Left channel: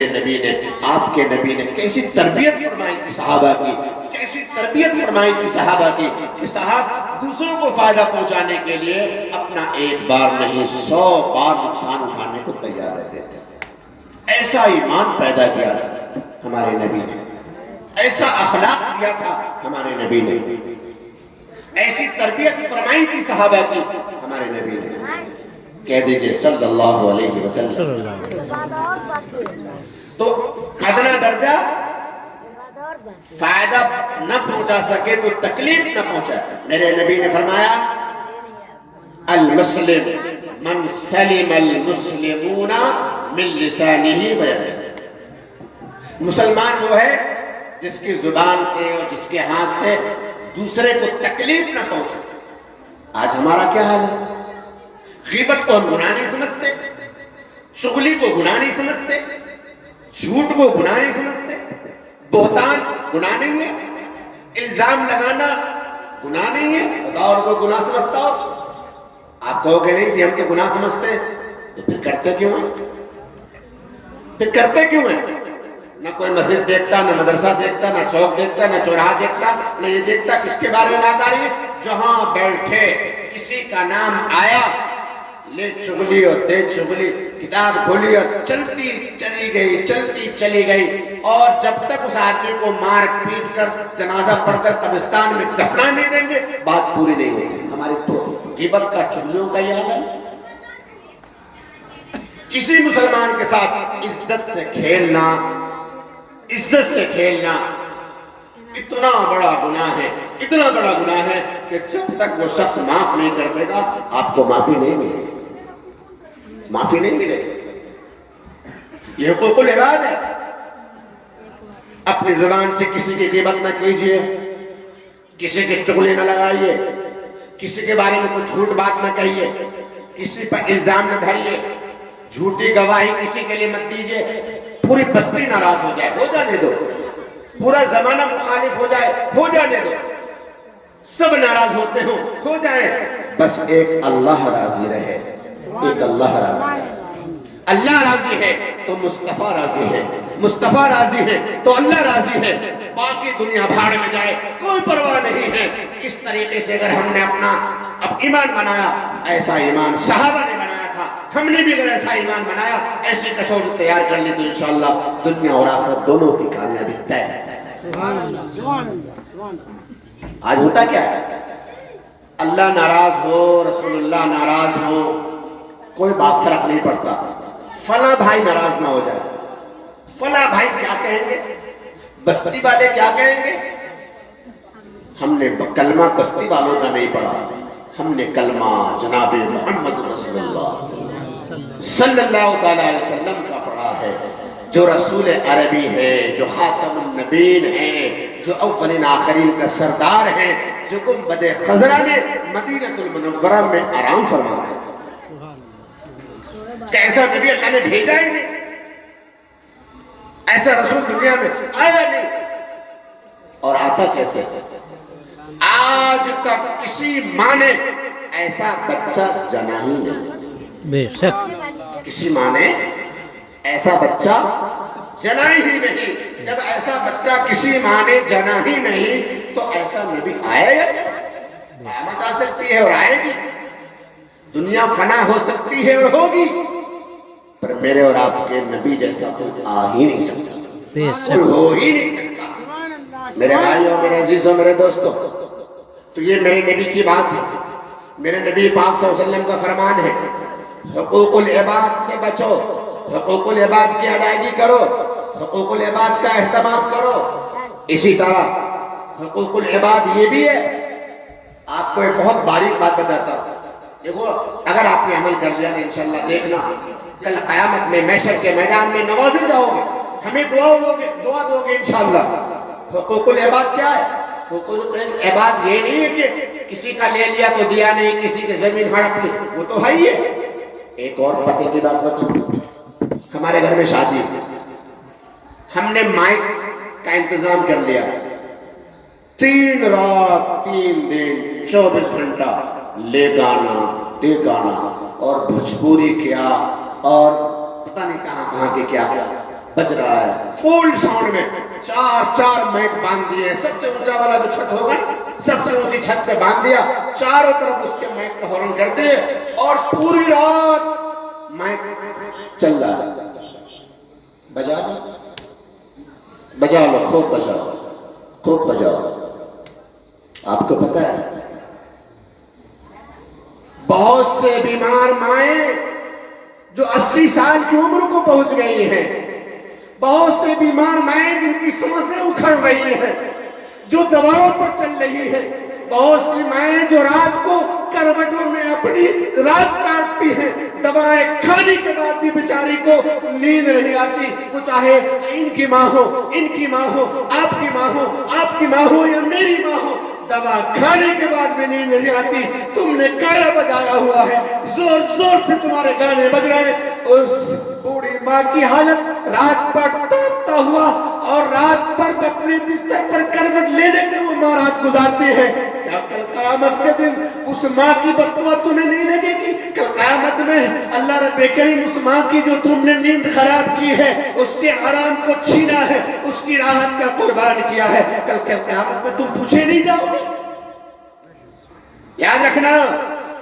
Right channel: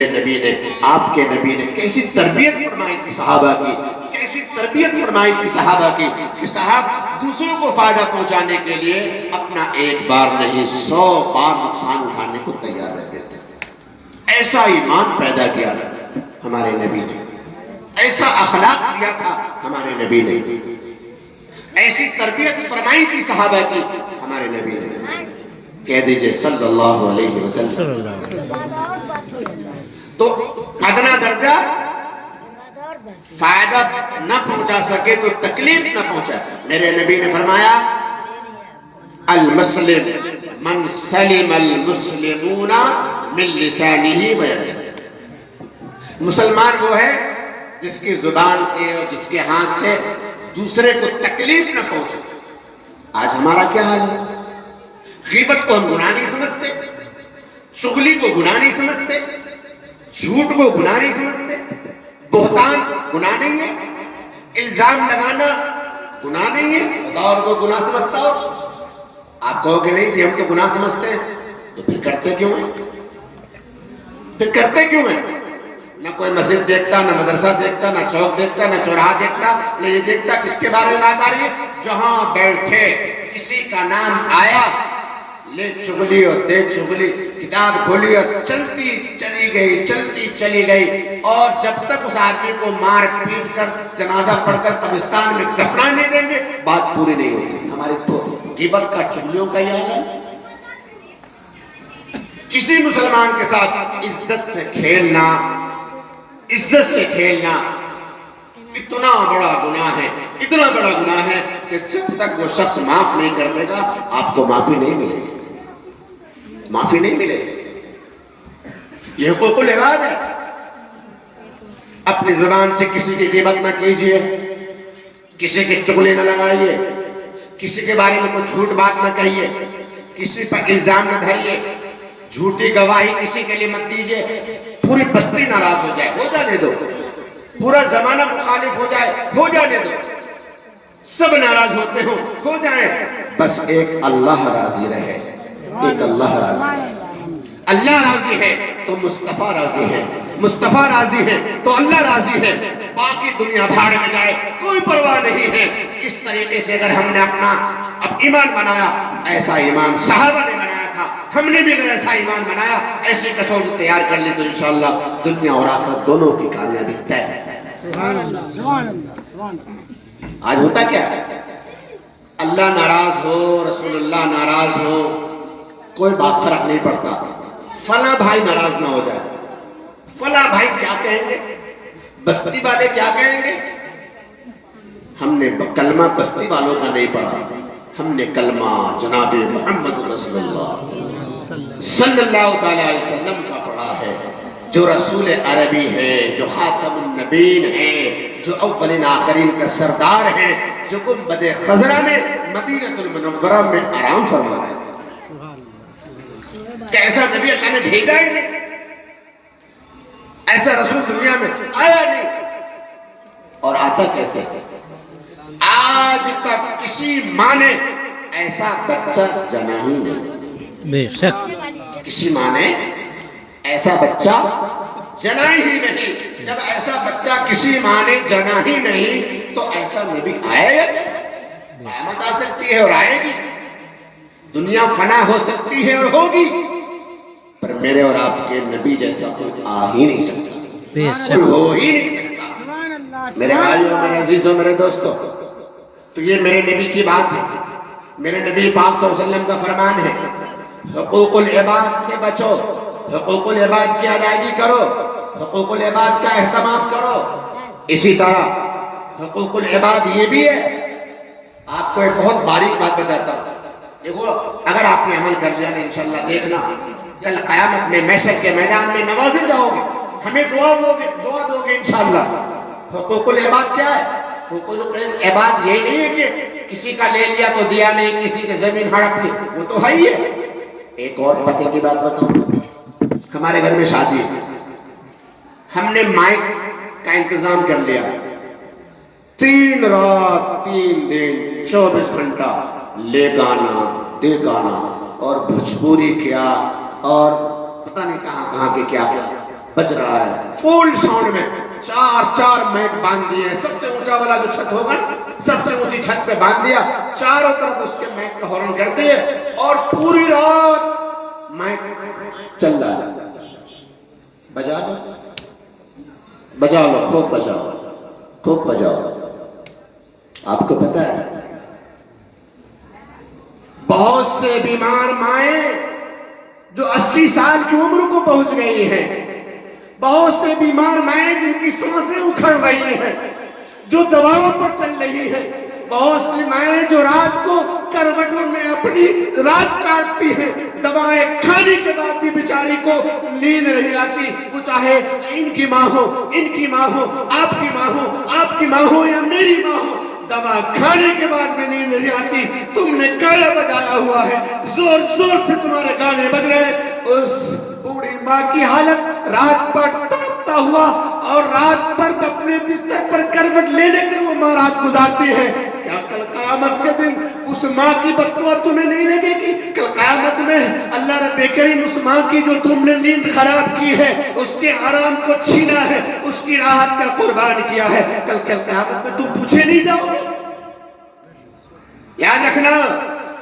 نبی نے آپ کے نبی نے کیسی تربیت فرمائی تھی صحابہ کی، کیسی تربیت فرمائی تھی صحابہ کی کہ صحابہ دوسروں کو فائدہ پہنچانے کے لیے اپنا ایک بار نہیں 100 بار نقصان اٹھانے کو تیار رہتے تھے۔ ایسا ایمان پیدا کیا تھا ہمارے نبی نے، ایسا اخلاق دیا تھا ہمارے نبی نے، ایسی تربیت فرمائی تھی صحابہ کی ہمارے نبی نے۔ کہہ دیجئے صلی اللہ علیہ وسلم۔ تو ادنا درجہ فائدہ نہ پہنچا سکے تو تکلیف نہ پہنچا۔ میرے نبی نے فرمایا المسلم من سلم المسلمون من لسانہ و یدہ۔ مسلمان وہ ہے جس کی زبان سے اور جس کے ہاتھ سے دوسرے کو تکلیف نہ پہنچے۔ آج ہمارا کیا حال ہے؟ غیبت کو ہم گناہ نہیں سمجھتے، چغلی کو گناہ نہیں سمجھتے، جھوٹ کو گناہ نہیں سمجھتے، بہتان گناہ نہیں ہے، الزام لگانا گناہ نہیں ہے۔ اور کو گناہ سمجھتا ہو آپ کہو گے نہیں کہ ہم تو گناہ سمجھتے ہیں، تو پھر کرتے کیوں ہیں؟ پھر کرتے کیوں ہیں؟ نہ کوئی مسجد دیکھتا، نہ مدرسہ دیکھتا، نہ چوک دیکھتا، نہ چوراہا دیکھتا، نہ یہ دیکھتا کس کے بارے میں بات آ رہی ہے۔ جہاں بیٹھے کسی کا نام آیا لے چغلی اور دے چغلی، کتاب کھولی اور چلتی چلی گئی، چلتی چلی گئی، اور جب تک اس آدمی کو مار پیٹ کر جنازہ پڑھ کر قبرستان میں دفنا نہیں دیں گے بات پوری نہیں ہوتی۔ ہماری تو غیبت کا چغلیوں کا یہ حال ہے۔ کسی مسلمان کے ساتھ عزت سے کھیلنا، عزت سے کھیلنا اتنا بڑا گناہ ہے، اتنا بڑا گناہ ہے کہ جب تک وہ شخص معاف نہیں کر دے گا آپ کو معافی نہیں ملے گی، معافی نہیں ملے گی۔ یہ حقوق العباد ہے۔ اپنی زبان سے کسی کی غیبت نہ کیجئے، کسی کی چغلی نہ لگائیے، کسی کے بارے میں کوئی جھوٹ بات نہ کہیے، کسی پر الزام نہ دھریے، جھوٹی گواہی کسی کے لیے مت دیجئے۔ پوری بستی ناراض ہو جائے، ہو جانے دو، پورا زمانہ مخالف ہو جائے، ہو جانے دو، سب ناراض ہوتے ہو جائیں، بس ایک اللہ راضی رہے، ایک اللہ راضی ہے۔ اللہ راضی ہے تو مصطفیٰ راضی ہے، مصطفیٰ راضی ہے تو اللہ راضی ہے۔ باقی دنیا بھاڑ میں جائے کوئی پرواہ نہیں ہے۔ اس طریقے سے اگر ہم نے اپنا ایمان بنایا، ایسا ایمان صحابہ نے بنایا تھا، ہم نے بھی اگر ایسا ایمان بنایا، ایسی کسوٹی تیار کر لی تو انشاءاللہ دنیا اور آخرت دونوں کی کامیابی طے ہے۔ آج ہوتا کیا ہے؟ اللہ ناراض ہو، رسول اللہ ناراض ہو، کوئی بات فرق نہیں پڑتا۔ فلاں بھائی ناراض نہ ہو جائے، فلاں بھائی کیا کہیں گے، بستی والے کیا کہیں گے۔ ہم نے کلمہ بستی والوں کا نہیں پڑھا، ہم نے کلمہ جناب محمد رسول اللہ صلی اللہ تعالیٰ علیہ وسلم کا پڑھا ہے، جو رسول عربی ہے، جو خاتم النبیین ہے، جو اولین آخرین کا سردار ہے، جو گنبد خضرا میں مدینہ المنورہ میں آرام فرما رہے ہیں۔ کہ ایسا نبی اللہ نے بھیجا ہی نہیں، ایسا رسول دنیا میں آیا نہیں، اور آتا کیسے؟ آج تک کسی ماں نے ایسا بچہ جنا ہی نہیں، بے شک کسی ماں نے ایسا بچہ جنا ہی نہیں۔ جب ایسا بچہ کسی ماں نے جنا ہی نہیں تو ایسا نبی آیا یا کیسے؟ قیامت آ سکتی ہے اور آئے گی، دنیا فنا ہو سکتی ہے اور ہوگی، پر میرے اور آپ کے نبی جیسا کوئی آ ہی نہیں سکتا، کوئی ہو ہی نہیں سکتا۔ میرے بھائیوں، میرے عزیزوں، میرے دوستوں، تو یہ میرے نبی کی بات ہے، میرے نبی پاک صلی اللہ علیہ وسلم کا فرمان ہے۔ حقوق العباد سے بچو، حقوق العباد کی ادائیگی کرو، حقوق العباد کا اہتمام کرو۔ اسی طرح حقوق العباد یہ بھی ہے، آپ کو ایک بہت باریک بات بتاتا ہوں، دیکھو اگر آپ نے عمل کر لیا تو انشاءاللہ دیکھنا کل قیامت میں محشر کے میدان میں نوازے جاؤ گے، ہمیں دعا دو گے انشاءاللہ۔ حقوق العباد کیا ہے؟ حقوق العباد یہ نہیں ہے کہ کسی کا لے لیا تو دیا نہیں، کسی کے زمین ہڑپ لی، وہ تو ہے ہی ہے۔ ایک اور پتے کی بات بتاؤں، ہمارے گھر میں شادی ہے، ہم نے مائک کا انتظام کر لیا، 3 رات 3 دن 24 گھنٹہ لے گانا دے گانا، اور بھوجپوری کیا، اور پتہ نہیں کہاں کے کیا بج رہا ہے فل ساؤنڈ میں، چار مائک باندھ دیے، سب سے اونچا والا جو چھت ہوگا سب سے اونچی چھت پہ باندھ دیا، چاروں طرف اس کے مائک کا ہارن کرتے ہیں اور پوری رات مائک چل رہا ہے. بجا لو خوب بجاؤ. آپ کو پتا ہے بہت سے بیمار مائیں جو 80 سال کی عمر کو پہنچ گئی ہیں، بہت سے بیمار مائیں جن کی سانسیں اکھڑ رہی ہیں، جو دواؤں پر چل رہی ہیں، بہت سی مائیں جو رات کو کروٹوں میں اپنی رات کاٹتی ہیں، دوائیں کھانے کے بعد بھی بیچاری کو نیند نہیں آتی، وہ چاہے ان کی ماں ہو، آپ کی ماں ہو یا میری ماں ہو، دوا کھانے کے بعد میں نیند نہیں آتی. تم نے گانا بجایا ہوا ہے، زور سے تمہارے گانے بج رہے ہیں. اس بوڑھی ماں کی حالت رات پر تڑپتا ہوا اور رات پر اپنے بستر پر کروٹ لے کر وہ ماں رات گزارتی ہے. کیا کل قیامت کے دن اس ماں کی بددعا تمہیں نہیں لگے گی؟ کل قیامت میں اللہ رب کریم اس ماں کی جو تم نے نیند خراب کی ہے، اس کے آرام کو چھینا ہے، اس کی راحت کا قربان کیا ہے، کل قیامت میں تم پوچھے نہیں جاؤ گے؟ یاد رکھنا،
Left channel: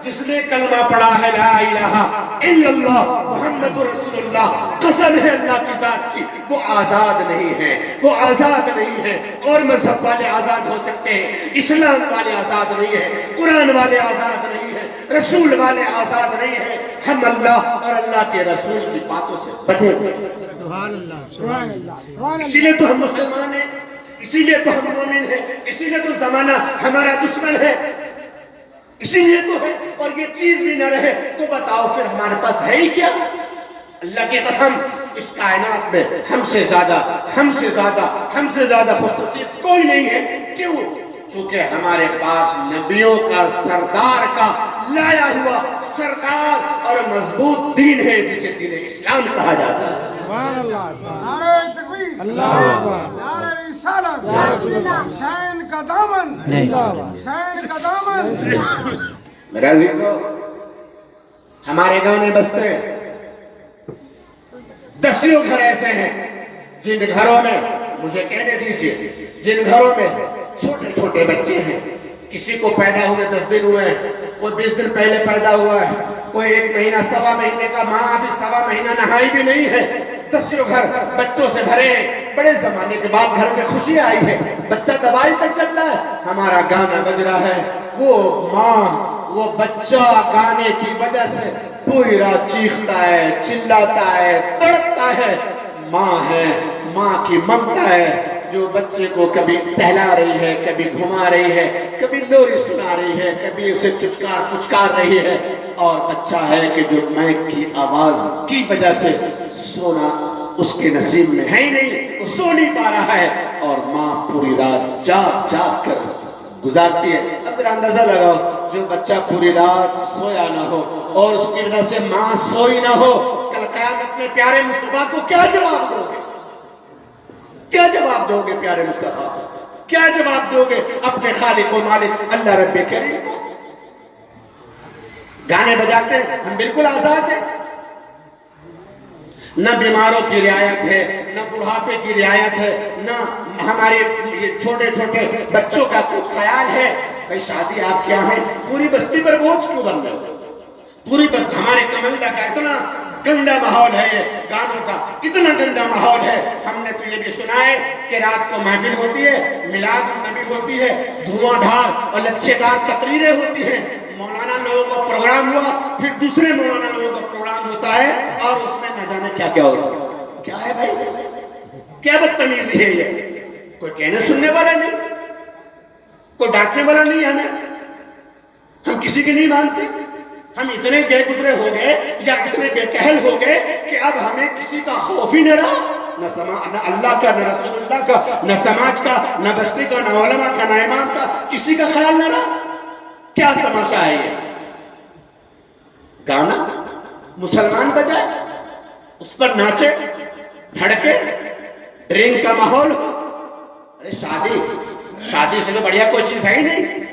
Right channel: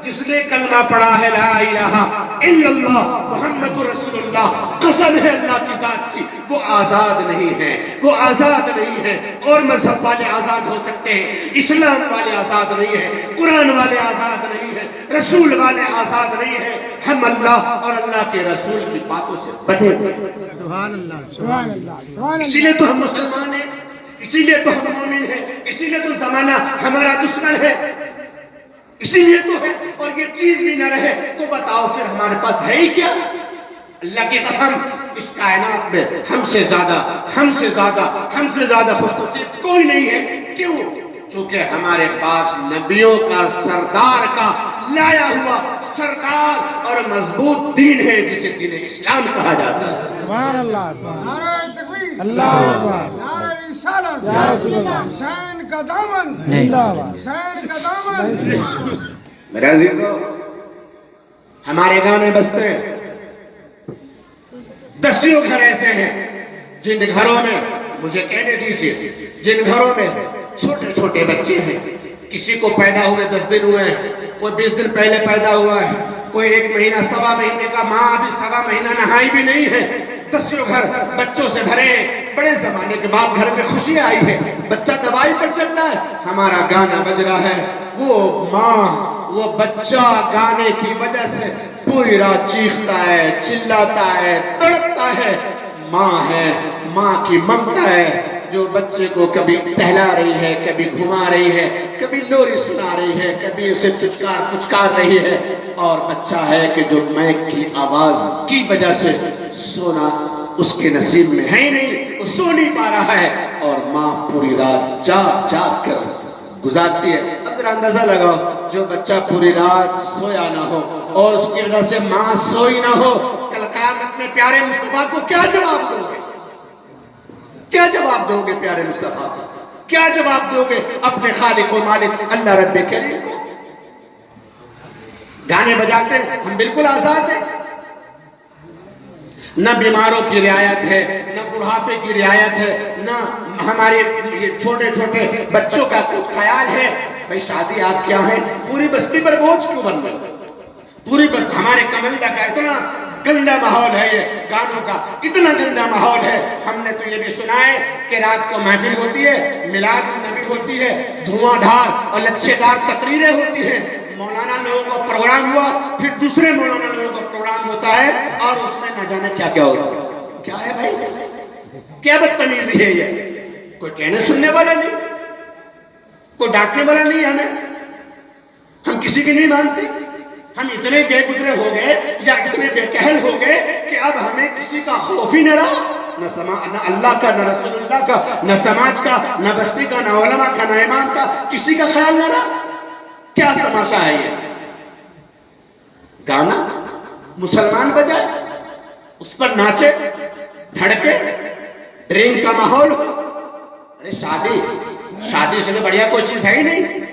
جس نے کلمہ پڑھا ہے لا الہ الا اللہ محمد رسول اللہ، قسم ہے اللہ کی ذات کی، وہ آزاد نہیں ہے. اور مذہب والے آزاد ہو سکتے ہیں، اسلام والے آزاد نہیں ہیں، قرآن والے آزاد نہیں ہیں، رسول والے آزاد نہیں ہیں. ہم اللہ اور اللہ کے رسول کی باتوں سے بٹھے ہوئے ہیں. سبحان اللہ. اسی لیے تو ہم مسلمان ہیں، اسی لیے تو ہم مومن ہیں، اسی لیے تو زمانہ ہمارا دشمن ہے، اسی لیے تو ہے. اور یہ چیز بھی نہ رہے تو بتاؤ پھر ہمارے پاس ہے ہی کیا؟ اللہ کی قسم، اس کائنات میں ہم سے زیادہ خوش نصیب کوئی نہیں ہے. کیوں؟ چونکہ ہمارے پاس نبیوں کا سردار کا لایا ہوا سردار اور مضبوط دین ہے، جسے دین اسلام کہا جاتا ہے. سبحان اللہ. نعرہ تکبیر، اللہ اکبر. نعرہ رسالت، حسین کا دامن، حسین کا دامن. میرے عزیزو، ہمارے گانے بجتے ہیں. دسیوں گھر ایسے ہیں جن گھروں میں، مجھے کہنے دیجئے، جن گھروں میں چھوٹے چھوٹے بچے ہیں، کسی کو پیدا ہوئے 10 دن ہوئے ہیں، کوئی 20 دن پہلے پیدا ہوا ہے، کوئی 1 مہینہ 1.25 مہینے کا، ماں ابھی 1.25 مہینہ نہائی بھی نہیں ہے. دسیوں گھر بچوں سے بھرے ہیں. بڑے زمانے کے بعد گھر میں خوشی آئی ہے، بچہ دوائی پر چل رہا ہے، ہمارا گانا بج رہا ہے. وہ ماں، وہ بچہ گانے کی وجہ سے پوری رات چیختا ہے، چلاتا ہے، تڑپتا ہے. ماں ہے، ماں کی ممتا ہے جو بچے کو کبھی ٹہلا رہی ہے، کبھی گھما رہی ہے، کبھی لوری سنا رہی ہے، کبھی اسے پچکار رہی ہے. اور بچہ ہے کہ جو مائک کی آواز کی وجہ سے سونا اس کے نصیب میں ہے ہی نہیں، وہ سو نہیں پا رہا ہے. اور ماں پوری رات جاگ کر گزارتی ہے. اب ذرا اندازہ لگاؤ، جو بچہ پوری رات سویا نہ ہو اور اس کی وجہ سے ماں سوئی نہ ہو، کل قیامت میں پیارے مصطفیٰ کو کیا جواب دو گے؟ کیا جواب دو گے پیارے مصطفیٰ کو؟ کیا جواب دو گے اپنے خالق و مالک اللہ رب کریم کو؟ گانے بجاتے ہیں، ہم بالکل آزاد ہیں. نہ بیماروں کی رعایت ہے، نہ بڑھاپے کی رعایت ہے، نہ ہمارے چھوٹے چھوٹے بچوں کا کچھ خیال ہے. بھئی شادی آپ کیا ہے؟ پوری بستی پر بوجھ کیوں بن رہے؟ پوری بستی، ہمارے کمندہ کا اتنا گندہ ماحول ہے، یہ گانوں کا اتنا گندہ ماحول ہے. ہم نے تو یہ بھی سنا ہے کہ رات کو محفل ہوتی ہے، میلاد النبی ہوتی ہے، دھواں دھار اور لچھے دار تقریریں ہوتی ہیں، مولانا لوگوں کا پروگرام ہوا، پھر دوسرے مولانا لوگوں کا پروگرام ہوتا ہے، اور اس میں نہ جانے کیا کیا ہوتا ہے. کیا ہے بھائی؟ کیا بدتمیزی ہے یہ؟ کوئی کہنے سننے والا نہیں، کوئی ڈانٹنے والا نہیں. ہم کسی کی نہیں مانتے. ہم اتنے بے گزرے ہو گئے یا اتنے بے کہل ہو گئے کہ اب ہمیں کسی کا خوف ہی نہ رہا، نہ اللہ کا، نہ رسول اللہ کا، نہ سماج کا، نہ بستی کا، نہ علماء کا، نہ امام کا، کسی کا خیال نہ رہا. کیا تماشا ہے یہ؟ گانا مسلمان بجائے، اس پر ناچے، دھڑکے، ڈرنک کا ماحول ہو. ارے شادی سے بڑھیا کوئی چیز ہے ہی نہیں.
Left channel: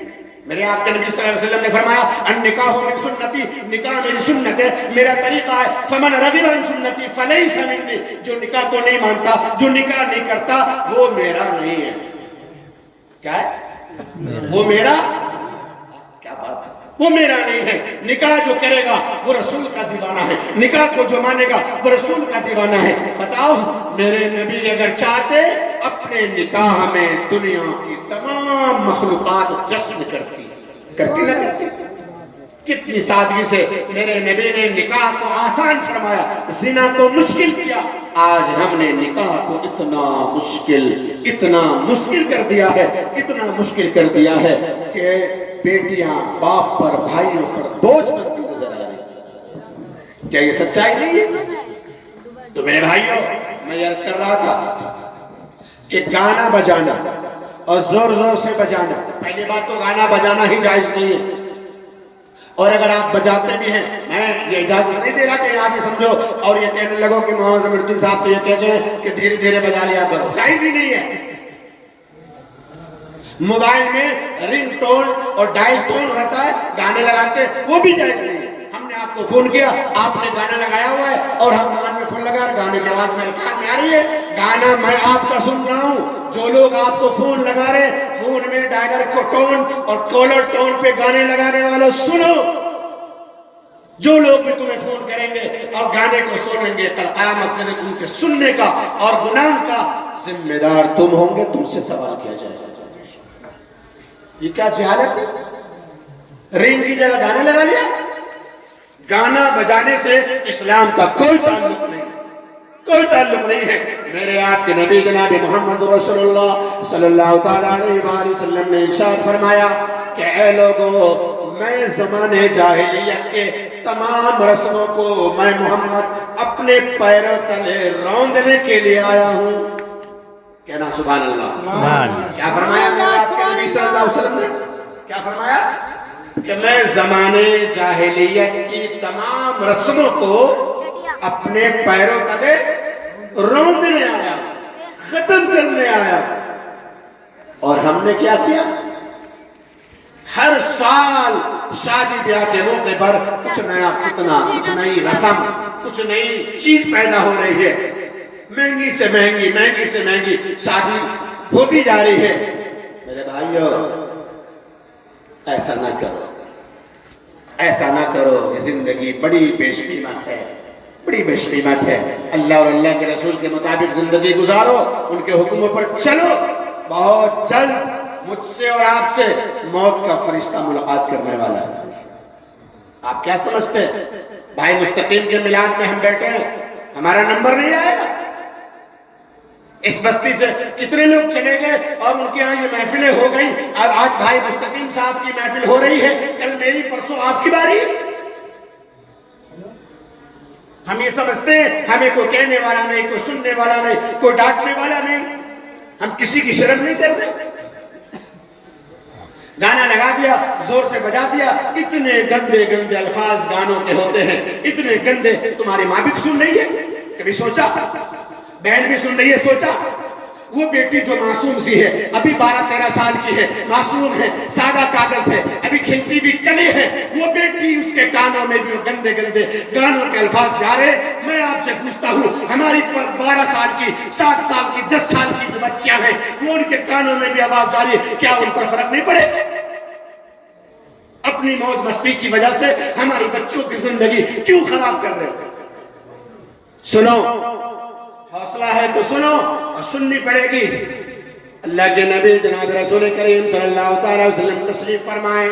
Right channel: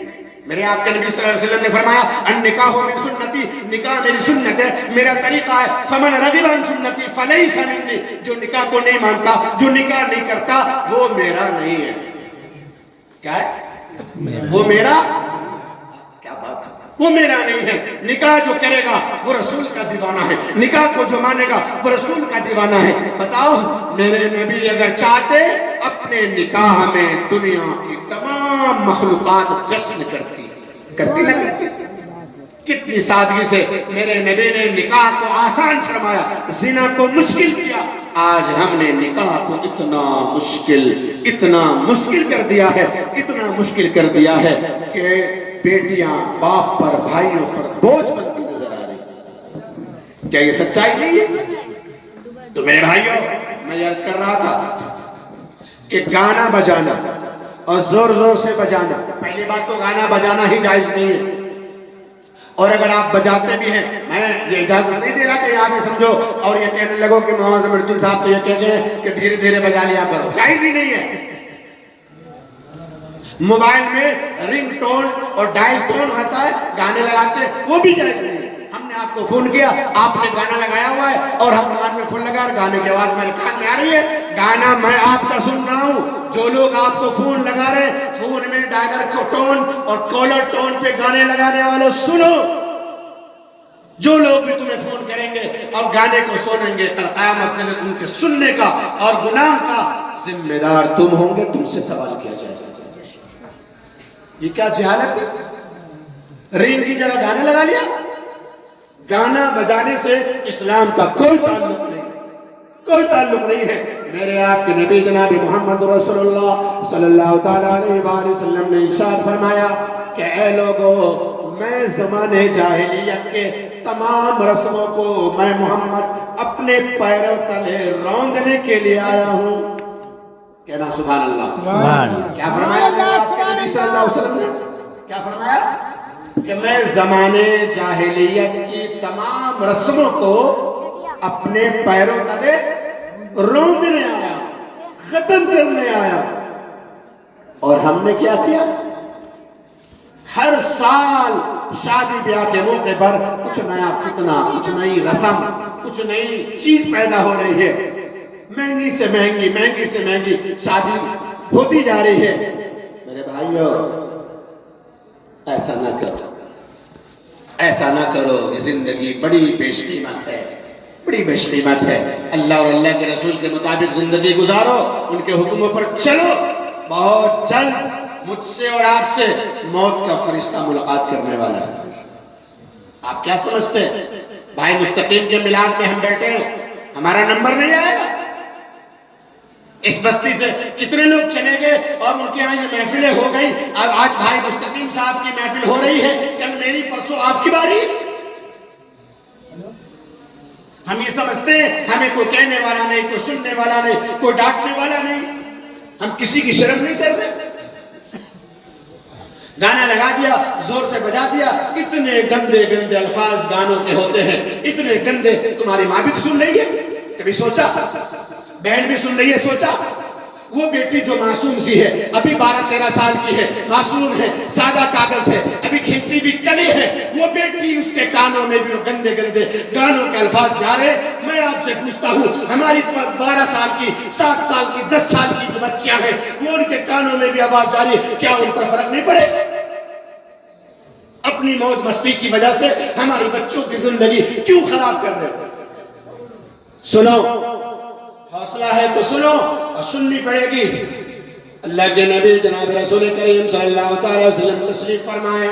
میرے آپ کے نبی صلی اللہ علیہ وسلم نے فرمایا النکاح من سنتی، نکاح میری سنت ہے، میرا طریقہ ہے، فمن رغب عن سنتی فلیس منی، جو نکاح کو نہیں مانتا، جو نکاح نہیں کرتا، وہ میرا نہیں ہے۔ کیا ہے؟ وہ میرا، کیا بات ہے، وہ میرا نہیں ہے۔ نکاح جو کرے گا وہ رسول کا دیوانہ ہے، نکاح کو جو مانے گا وہ رسول کا دیوانہ ہے۔ بتاؤ میرے نبی اگر چاہتے اپنے نکاح میں دنیا کی تمام مخلوقات جشن کرتی نہ کرتی؟ کتنی سادگی سے میرے نبی نے نکاح کو آسان فرمایا، زنا کو مشکل کیا۔ آج ہم نے نکاح کو اتنا مشکل کر دیا ہے، اتنا مشکل کر دیا ہے کہ بیٹیاں باپ پر، بھائیوں پر بوجھ بنتی نظر آ رہی۔ کیا یہ سچائی نہیں ہے؟ تو میرے بھائیوں، میں یہ عرض کر رہا تھا کہ گانا بجانا اور زور زور سے بجانا، پہلی بات تو گانا بجانا ہی جائز نہیں ہے، اور اگر آپ بجاتے بھی ہیں، میں یہ اجازت نہیں دے رہا کہ آپ یہ سمجھو اور یہ کہنے لگو کہ محمد ظفر الدین صاحب تو یہ کہہ گئے کہ دھیرے دھیرے بجا لیا کرو، جائز ہی نہیں ہے۔ موبائل میں رنگ ٹون اور ڈائل ٹون ہوتا ہے، گانے لگاتے، وہ بھی جائز نہیں ہے۔ ہم نے آپ کو فون کیا، آپ نے گانا لگایا ہوا ہے اور ہم کان میں فون لگا، گانے کی آواز میرے کان میں آ رہی ہے، گانا میں آپ کا سن رہا ہوں۔ جو لوگ آپ کو فون لگا رہے ہیں، فون میں ڈائلر کو ٹون اور کالر ٹون پہ گانے لگانے والے سنو۔ جو لوگ بھی تمہیں فون کریں گے اور گانے کو سنیں گے، کل قیامت کے دن ان کے سننے کا اور گناہ کا ذمہ دار تم ہوں گے، تم سے سوال کیا جائے گا۔ یہ کیا جہالت ہے؟ رنگ کی جگہ گانے لگا لیا۔ گانا بجانے سے اسلام کا کوئی تعلق نہیں ہے۔ میرے آپ کے نبی جناب محمد رسول اللہ صلی اللہ تعالیٰ علیہ وآلہ وسلم نے ارشاد فرمایا کہ اے لوگو، میں زمانے جاہلیت کے تمام رسموں کو میں محمد اپنے پیروں تلے روندنے کے لیے آیا ہوں۔ کہنا سبحان اللہ۔ کیا فرمایا میرے آپ کے نبی صلی اللہ علیہ وسلم نے؟ کیا فرمایا؟ کہ میں زمانے جاہلیت کی تمام رسموں کو اپنے پیروں تلے روندنے آیا، ختم کرنے آیا۔ اور ہم نے کیا کیا؟ ہر سال شادی بیاہ کے موقع پر کچھ نیا فتنہ، کچھ نئی رسم، کچھ نئی چیز پیدا ہو رہی ہے، مہنگی سے مہنگی شادی ہوتی جا رہی ہے۔ میرے بھائیو، ایسا نہ کرو، یہ زندگی بڑی بیش قیمت ہے، اللہ اور اللہ کے رسول کے مطابق زندگی گزارو، ان کے حکموں پر چلو۔ بہت جلد مجھ سے اور آپ سے موت کا فرشتہ ملاقات کرنے والا ہے۔ آپ کیا سمجھتے ہیں بھائی مستقیم کے میلاد میں ہم بیٹھے ہیں، ہمارا نمبر نہیں آئے گا؟ اس بستی سے کتنے لوگ چلے گئے اور ان کے ہاں یہ محفلیں ہو گئی، اور آج بھائی مستقیم صاحب کی محفل ہو رہی ہے، کل میری، پرسوں آپ کی باری۔ ہم یہ سمجھتے ہیں ہمیں کوئی کہنے والا نہیں، کوئی سننے والا نہیں، کوئی ڈانٹنے والا نہیں، ہم کسی کی شرم نہیں کر رہے۔ گانا لگا دیا، زور سے بجا دیا، اتنے گندے الفاظ گانوں کے ہوتے ہیں، اتنے گندے۔ تمہاری ماں بھی سن رہی ہے، کبھی سوچا؟ بہن بھی سن رہی ہے، سوچا؟ وہ بیٹی جو معصوم سی ہے، ابھی 12-13 سال کی ہے، معصوم ہے، سادہ کاغذ ہے، ابھی کھیلتی ہوئی کلی ہے، وہ بیٹی، اس کے کانوں میں بھی گندے گانوں کے الفاظ جا رہے۔ میں آپ سے پوچھتا ہوں، ہماری 12 سال کی، 7 سال کی، 10 سال کی جو بچیاں ہیں، وہ ان کے کانوں میں بھی آواز جا رہی ہے، کیا ان پر فرق نہیں پڑے؟ اپنی موج مستی کی وجہ سے ہماری بچوں کی زندگی کیوں خراب کر رہے ہو؟ سنو، حوصلہ ہے تو سنو، اور سننی پڑے گی۔ اللہ کے نبی جناب رسول کریم صلی اللہ تعالی وسلم تشریف فرمائے،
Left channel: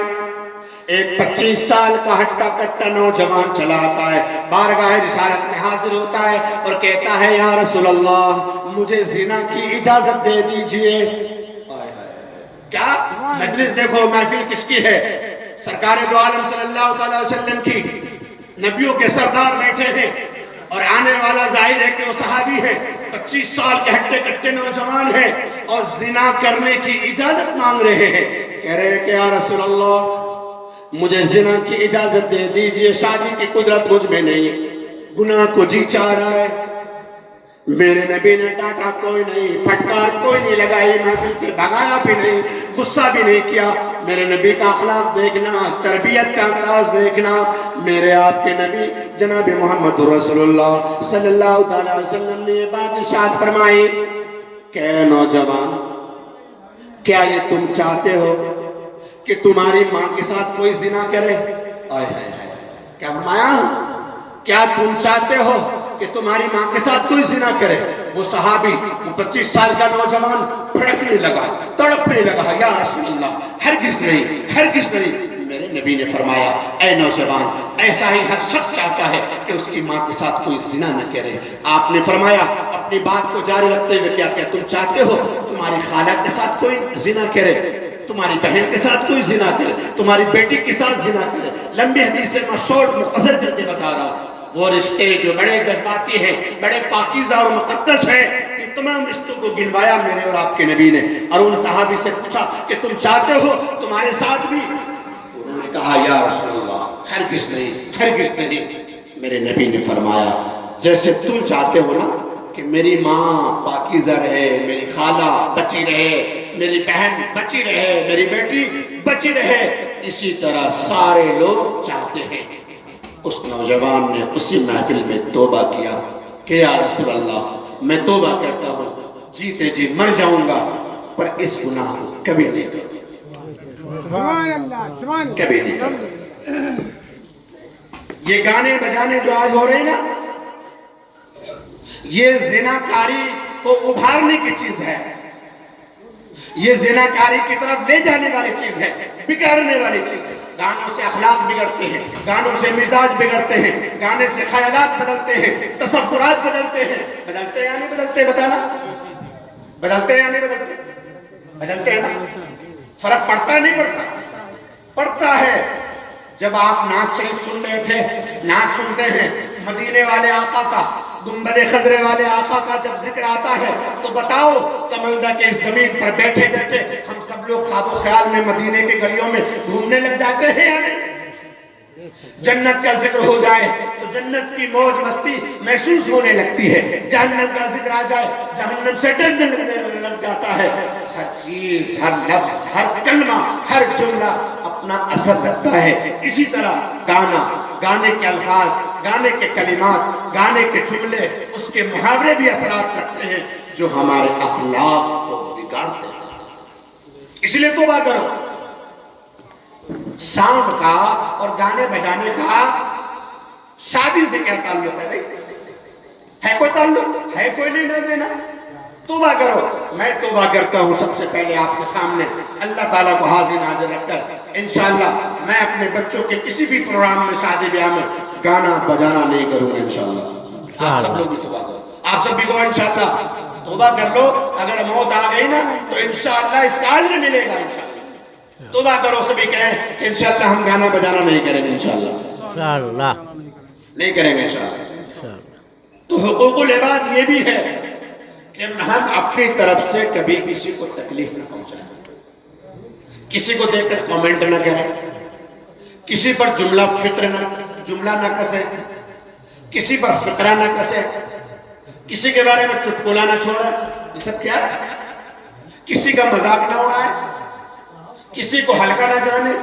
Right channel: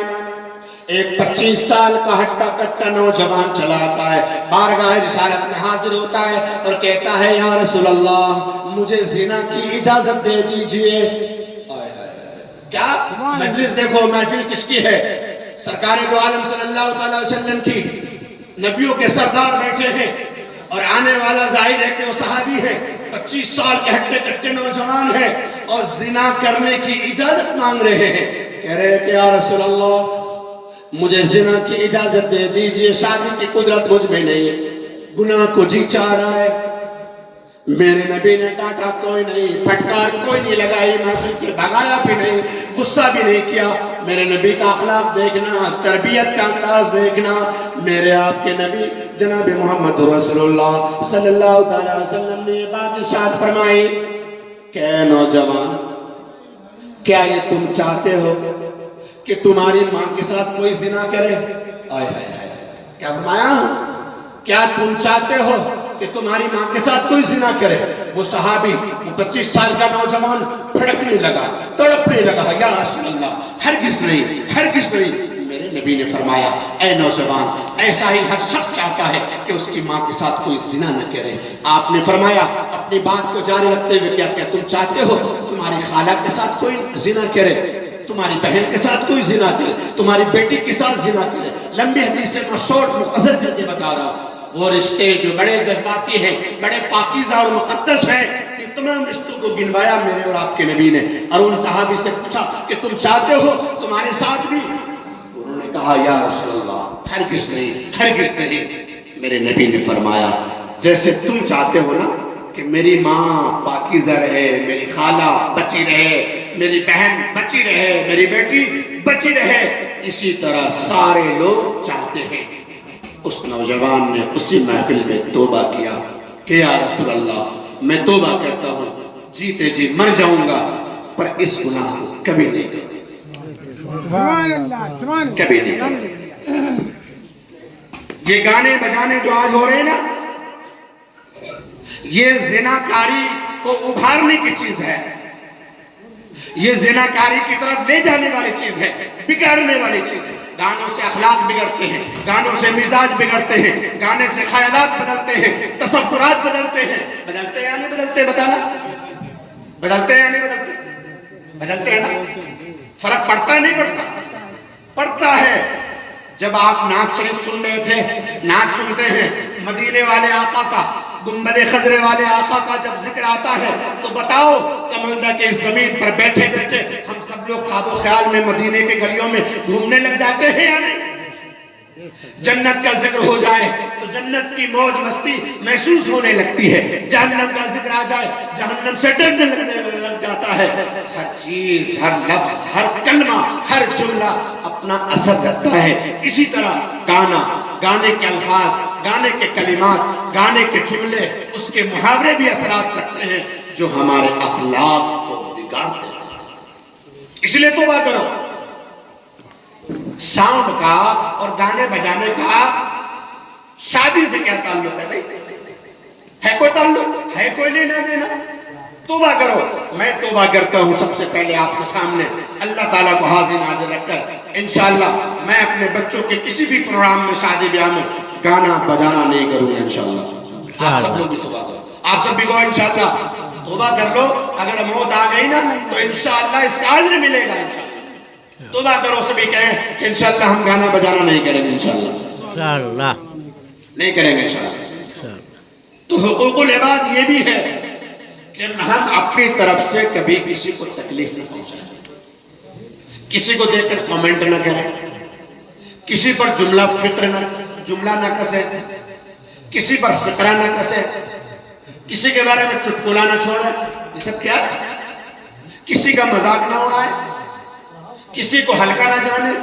ایک 25 سال کا ہٹا کٹا نوجوان چلا آتا ہے، بارگاہ رسالت میں حاضر ہوتا ہے اور کہتا ہے یا رسول اللہ، مجھے زنا کی اجازت دے دیجئے۔ کیا مجلس دیکھو، محفل کس کی ہے؟ سرکار دو عالم صلی اللہ تعالی وسلم کی، نبیوں کے سردار بیٹھے ہیں، اور آنے والا ظاہر ہے کہ وہ صحابی ہے، 25 سال کے ہٹے کٹے نوجوان ہیں اور زنا کرنے کی اجازت مانگ رہے ہیں۔ کہہ رہے کہ یا رسول اللہ، مجھے زنا کی اجازت دے دیجئے، شادی کی قدرت مجھ میں نہیں، گناہ کو جی چاہ رہا ہے۔ میرے نبی نے ڈانٹا کوئی نہیں، پھٹکار کوئی نہیں لگائی، محفل سے بھگایا بھی نہیں، غصہ بھی نہیں کیا، میرے نبی کا اخلاق دیکھنا، تربیت کا انداز دیکھنا. میرے آپ کے نبی جناب محمد رسول اللہ صلی اللہ علیہ وسلم نے یہ بات ارشاد فرمائی کہ اے نوجوان، کیا یہ تم چاہتے ہو کہ تمہاری ماں کے ساتھ کوئی زنا کرے؟ آئے ہائے ہائے، کیا فرمایا؟ کیا تم چاہتے ہو کہ تمہاری ماں کے ساتھ کوئی زنا کرے؟ وہ صحابی، وہ 25 سال کا نوجوان پھڑکنے لگا، تڑپنے لگا، یا رسول اللہ ہرگز نہیں، ہرگز نہیں. میرے نبی نے فرمایا اے نوجوان، ایسا ہی ہر شخص چاہتا ہے کہ اس کی ماں کے ساتھ کوئی زنا نہ کرے. آپ نے فرمایا اپنی بات کو جاری رکھتے ہوئے، کیا تم چاہتے ہو تمہاری خالہ کے ساتھ کوئی زنا کرے، تمہاری بہن کے ساتھ کوئی زنا کرے، تمہاری بیٹی کے ساتھ زنا کرے؟ لمبی حدیث سے میں شارٹ مختصر کر کے بتا رہا ہوں. وہ رشتے جو بڑے جذباتی ہیں، بڑے پاکیزہ اور مقدس ہیں، ان تمام رشتوں کو گنوایا میرے اور آپ کے نبی نے. اور ان صحابی سے پوچھا کہ تم چاہتے ہو تمہارے ساتھ بھی؟ انہوں نے کہا یا رسول اللہ ہرگز نہیں، ہرگز نہیں. میرے نبی نے فرمایا جیسے تم چاہتے ہو نا کہ میری ماں پاکیزہ رہے، میری خالہ بچی رہے، میری بہن بچی رہے، میری بیٹی بچی رہے، اسی طرح سارے لوگ چاہتے ہیں. اس نوجوان نے اسی محفل میں توبہ کیا کہ یا رسول اللہ میں توبہ کرتا ہوں، جیتے جی مر جاؤں گا پر اس گناہ کو کبھی نہیں کروں، کبھی نہیں کروں. یہ گانے بجانے جو آج ہو رہے ہیں نا، یہ زناکاری کو ابھارنے کی چیز ہے، یہ زناکاری کی طرف لے جانے والی چیز ہے، بگاڑنے والی چیز ہے. گانوں سے اخلاق بگڑتے ہیں، گانوں سے مزاج بگڑتے ہیں، گانے سے خیالات بدلتے ہیں، تصورات بدلتے ہیں. بدلتے یا نہیں بدلتے بتانا؟ بدلتے یا نہیں بدلتے؟ بدلتے ہیں نا؟ فرق پڑتا ہے نہیں پڑتا؟ پڑتا ہے. جب آپ نعت شریف سن رہے تھے، نعت سنتے ہیں مدینے والے آقا کا، گنبد خضرے والے آقا کا جب ذکر آتا ہے تو بتاؤ کمندہ کے اس زمین پر بیٹھے بیٹھے ہم سب لوگ خواب و خیال میں مدینے کے گلیوں میں گھومنے لگ جاتے ہیں یا نہیں؟ جنت کا ذکر ہو جائے تو جنت کی موج مستی محسوس ہونے لگتی ہے، جہنم کا ذکر آ جائے جہنم سے ڈرنے لگ جاتا ہے. ہر چیز، ہر لفظ، ہر کلمہ، ہر جملہ اپنا اثر رکھتا ہے. اسی طرح گانا، گانے کے الفاظ، گانے کے کلمات، گانے کے جملے، اس کے محاورے بھی اثرات رکھتے ہیں جو ہمارے اخلاق کو بگاڑتے ہیں. اس لیے توبہ کرو. ساؤنڈ کا اور گانے بجانے کا شادی سے کیا تعلق ہے بھائی؟ ہے کوئی تعلق؟ ہے کوئی لینا دینا؟ توبہ کرو. میں توبہ کرتا ہوں سب سے پہلے آپ کے سامنے اللہ تعالیٰ کو حاضر ناظر رکھ کر. انشاءاللہ میں اپنے بچوں کے کسی بھی پروگرام میں، شادی بیاہ میں گانا بجانا نہیں کروں گا انشاءاللہ. آپ سب لوگ بھی توبہ کرو، آپ سب بھی کہو انشاءاللہ توبہ کر لو. اگر موت آ گئی نا تو انشاءاللہ اس کا اجر ملے گا. انشاءاللہ توبہ کرو. سبھی کہیں کہ انشاءاللہ ہم گانا بجانا نہیں کریں گے، انشاءاللہ نہیں کریں گے انشاءاللہ. تو حقوق العباد یہ بھی ہے کہ ہم اپنی طرف سے کبھی کسی کو تکلیف نہ پہنچائیں، کسی کو دیکھ کر کامنٹ نہ کریں، کسی پر جملہ نہ کسے، کسی پر فقرہ نہ کسے، کسی کے بارے میں چٹکلا نہ چھوڑے. یہ سب کیا ہے؟ کسی کا مذاق نہ اڑائے، کسی کو ہلکا نہ جانے،